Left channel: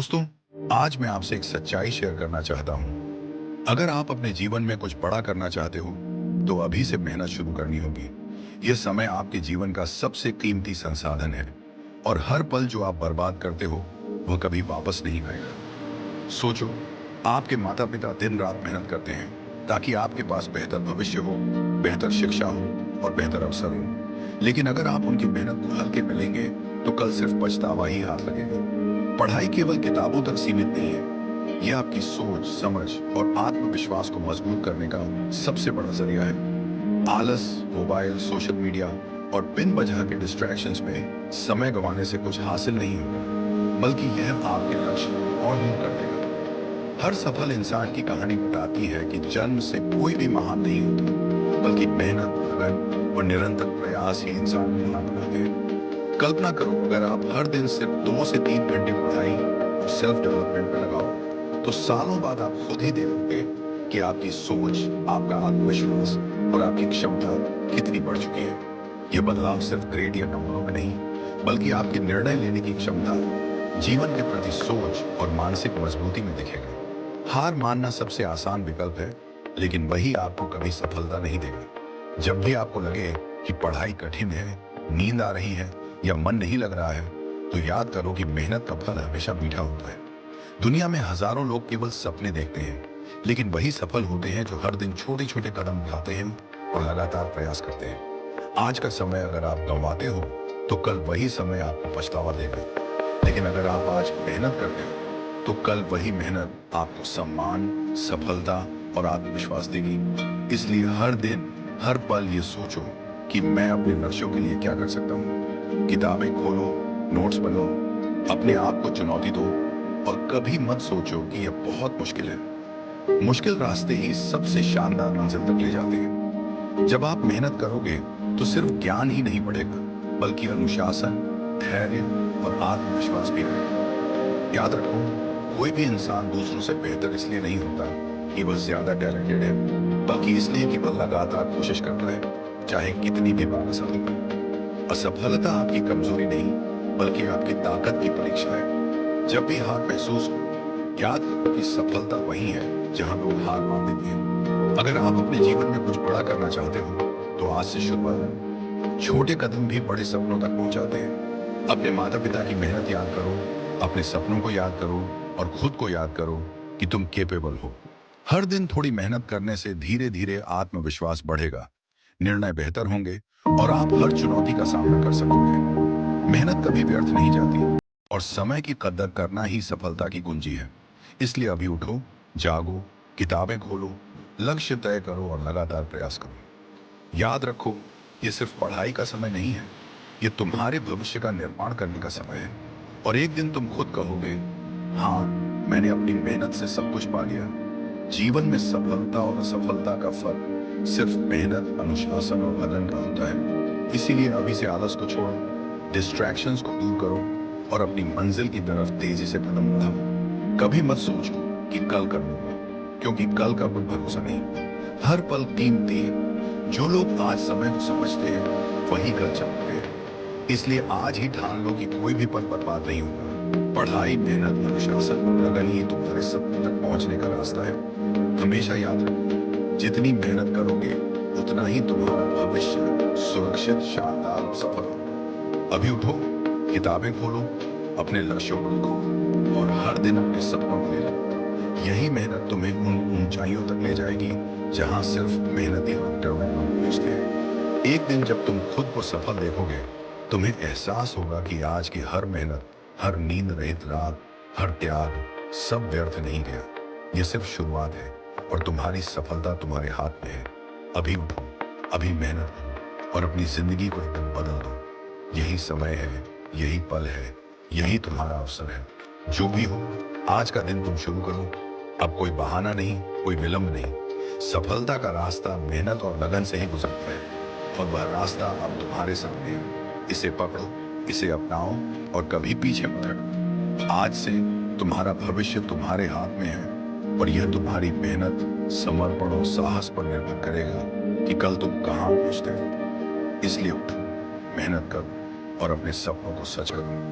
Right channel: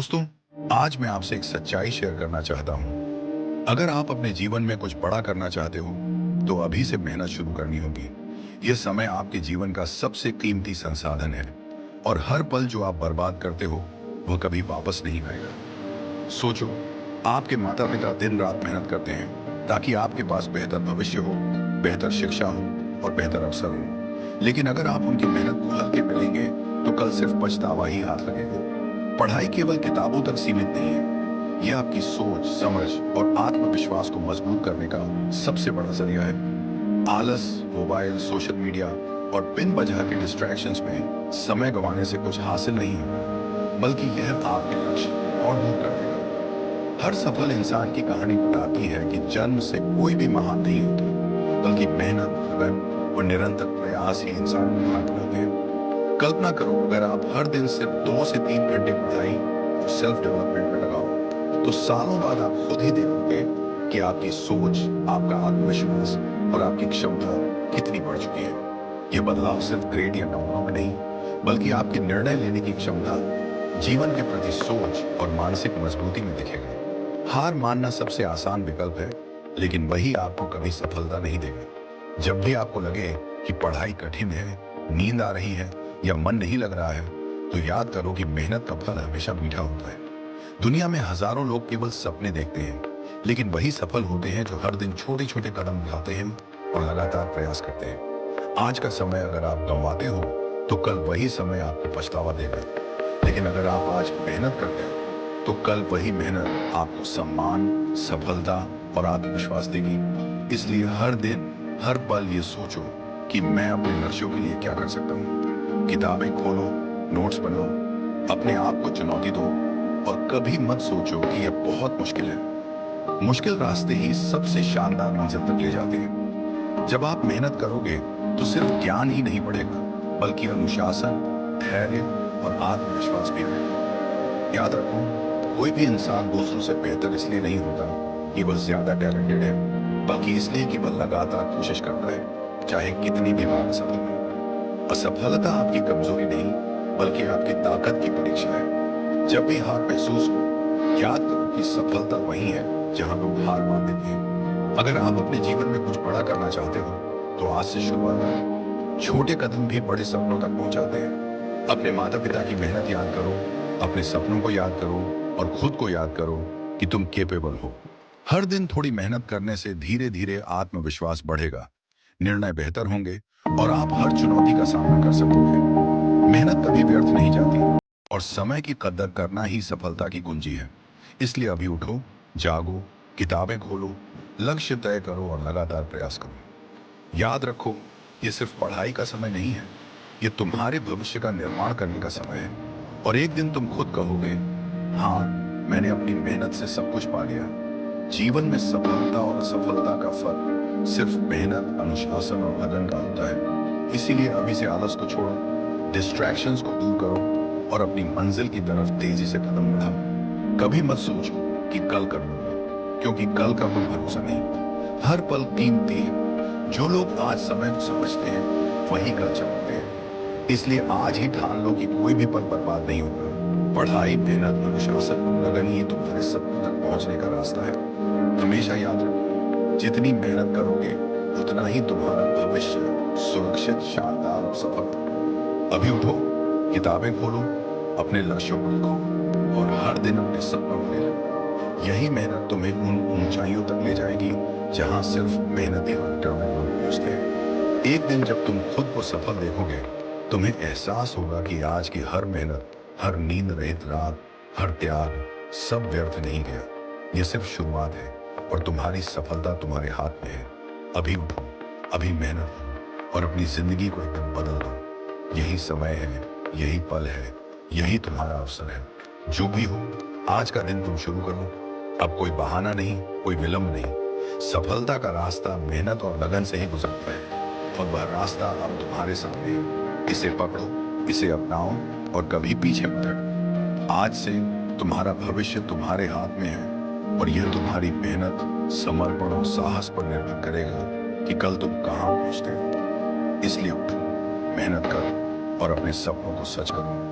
दोस्तों, आज मैं आपसे एक सच्चाई शेयर करना चाहता हूँ। अगर आप अपने जीवन में कुछ बड़ा करना चाहते हो, तो अभी से मेहनत शुरू करनी होगी। यह समय आपके जीवन का सबसे कीमती संसाधन है और हर पल जो आप बर्बाद करते हो, वह कभी वापस नहीं आएगा। सोचो, आपके माता पिता दिन रात मेहनत करते हैं ताकि आपके पास बेहतर भविष्य हो, बेहतर शिक्षा हो और बेहतर अवसर हो। लेकिन अगर आप उनकी मेहनत को हल्के में लेंगे, तो कल सिर्फ पछतावा ही हाथ लगेगा। पढ़ाई केवल किताबों तक सीमित नहीं है, यह आपकी सोच, समझ और आत्मविश्वास को मजबूत करने का सबसे बड़ा जरिया है। आलस, मोबाइल, सोशल मीडिया और बिन वजह के डिस्ट्रैक्शंस में समय गंवाने से कुछ हासिल नहीं होगा, बल्कि यह आपके लक्ष्य को और दूर कर देगा। हर सफल इंसान की कहानी बताती है कि जन्म से कोई भी महान नहीं होता, बल्कि मेहनत, लगन और निरंतर प्रयास ही इंसान को महान बनाते हैं। कल्पना करो, अगर आप हर दिन सिर्फ 2 से 3 घंटे पढ़ाई और सेल्फ डेवलपमेंट में लगाओ, तो सालों बाद आप खुद ही देखोगे कि आपकी सोच, आपका आत्मविश्वास और आपकी क्षमता कितनी बढ़ चुकी है। यह बदलाव सिर्फ ग्रेड या नंबरों में नहीं, बल्कि आपके निर्णय लेने की क्षमता, जीवन के प्रति सोच और मानसिक मजबूती में दिखेगा। हार मानना सबसे आसान विकल्प है, लेकिन वही आपको कभी सफलता नहीं देगा। जब भी आपको लगे कि पढ़ाई कठिन है, नींद आ रही है या मन नहीं लग रहा है, तो याद करो कि मेहनत का फल हमेशा मीठा होता है। दुनिया में हजारों लोग केवल सपने देखते हैं, लेकिन वही सफल होते हैं जो हर दिन छोटे छोटे कदम उठाते हैं और लगातार प्रयास करते हैं। आज का समय अगर आप गंवाते हो, तो कल वही समय आपको पछतावा देगा। लेकिन अगर आप आज मेहनत करते हो, तो कल वही मेहनत आपको सम्मान, सफलता और आत्मविश्वास देगी। इसलिए हर दिन, हर पल ये सोचो कि मैं अपने लक्ष्यों के लिए क्या कर सकता हूँ। किताबें खोलो, नोट्स बनो, अपने आप को चुनौती दो और कभी मत सोचो कि यह बहुत मुश्किल है। मुश्किल रास्ते ही सबसे शानदार मंजिल तक ले जाते हैं। जब आप मेहनत करोगे, तो सिर्फ ज्ञान ही नहीं बढ़ेगा, बल्कि अनुशासन, धैर्य और आत्मविश्वास भी आएगा। याद रखो, कोई भी इंसान दूसरों से बेहतर इसलिए नहीं होता कि वह ज्यादा टैलेंटेड है, बल्कि इसलिए कि वह लगातार कोशिश करता है, चाहे कितनी भी बार असफल हो। असफलता आपकी कमजोरी नहीं, बल्कि आपकी ताकत की परीक्षा है। जब भी हार महसूस हो, याद करो कि सफलता वही है जहां लोग हार मान देते हैं। अगर आप अपने जीवन में कुछ बड़ा करना चाहते हो, तो आज से शुरुआत करो। छोटे कदम भी बड़े सपनों तक पहुंचाते हैं। अपने माता पिता की मेहनत याद करो, अपने सपनों को याद करो और खुद को याद करो कि तुम केपेबल हो। हर दिन थोड़ी मेहनत करने से धीरे धीरे आत्मविश्वास बढ़ेगा, निर्णय बेहतर होंगे और आप हर चुनौती का सामना कर सकोगे। मेहनत कभी व्यर्थ नहीं जाती और समय की कदर करना ही सफलता की कुंजी है। इसलिए अभी उठो, जागो, किताबें खोलो, लक्ष्य तय करो और लगातार प्रयास करो। याद रखो, ये सिर्फ पढ़ाई का समय नहीं है, ये तुम्हारे भविष्य का निर्माण करने का समय है। और एक दिन तुम खुद कहोगे, हाँ, मैंने अपनी मेहनत से सब कुछ पा लिया। जीवन में सफलता और असफलता का फर्क सिर्फ मेहनत, अनुशासन और लगन का होता है। इसीलिए अभी से आलस को छोड़ो, डिस्ट्रैक्शंस को दूर करो और अपनी मंजिल की तरफ तेजी से कदम बढ़ाओ। कभी मत सोचो कि कल कर लूंगा, क्योंकि कल का कोई भरोसा नहीं। हर पल कीमती है। जो लोग आज समय को समझते हैं, वही कल चमकते हैं। इसलिए आज ही ठान लो कि कोई भी पल बर्बाद नहीं होगा। पढ़ाई, मेहनत, अनुशासन और लगन ही तुम्हारे सपने तक पहुंचने का रास्ता है। हमेशा याद रखो, जितनी मेहनत करोगे, उतना ही तुम्हारा भविष्य सुरक्षित, शानदार और सफल होगा। अभी उठो, किताबें खोलो, अपने लक्ष्यों को लिखो और हर दिन अपने सपनों को ले लो। यही मेहनत तुम्हें उन ऊंचाइयों तक ले जाएगी जहां सिर्फ मेहनती और डिटरमाइंड लोग पहुंचते हैं। एक दिन जब तुम खुद को सफल देखोगे, तुम्हें एहसास होगा कि आज की हर मेहनत, हर नींद रहित रात, हर त्याग, सब व्यर्थ नहीं गया। यह सिर्फ शुरुआत है और तुम्हारी सफलता तुम्हारे हाथ में है। अभी उठो, अभी मेहनत करो और अपनी जिंदगी को एकदम बदल दो। यही समय है, यही पल है, यही तुम्हारा अवसर है। जो भी हो, आज का दिन तुम शुरू करो। अब कोई बहाना नहीं, कोई विलंब नहीं। सफलता का रास्ता मेहनत और लगन से ही गुजरता है और वह रास्ता अब तुम्हारे सामने है। इसे पकड़ो, इसे अपनाओ और कभी पीछे मत हटो। आज से तुम्हारा भविष्य तुम्हारे हाथ में है और यह तुम्हारी मेहनत, समर्पण और साहस पर निर्भर करेगा कि कल तुम कहाँ पहुंचते हो। इसलिए उठो, मेहनत करो और अपने सपनों को सच करो।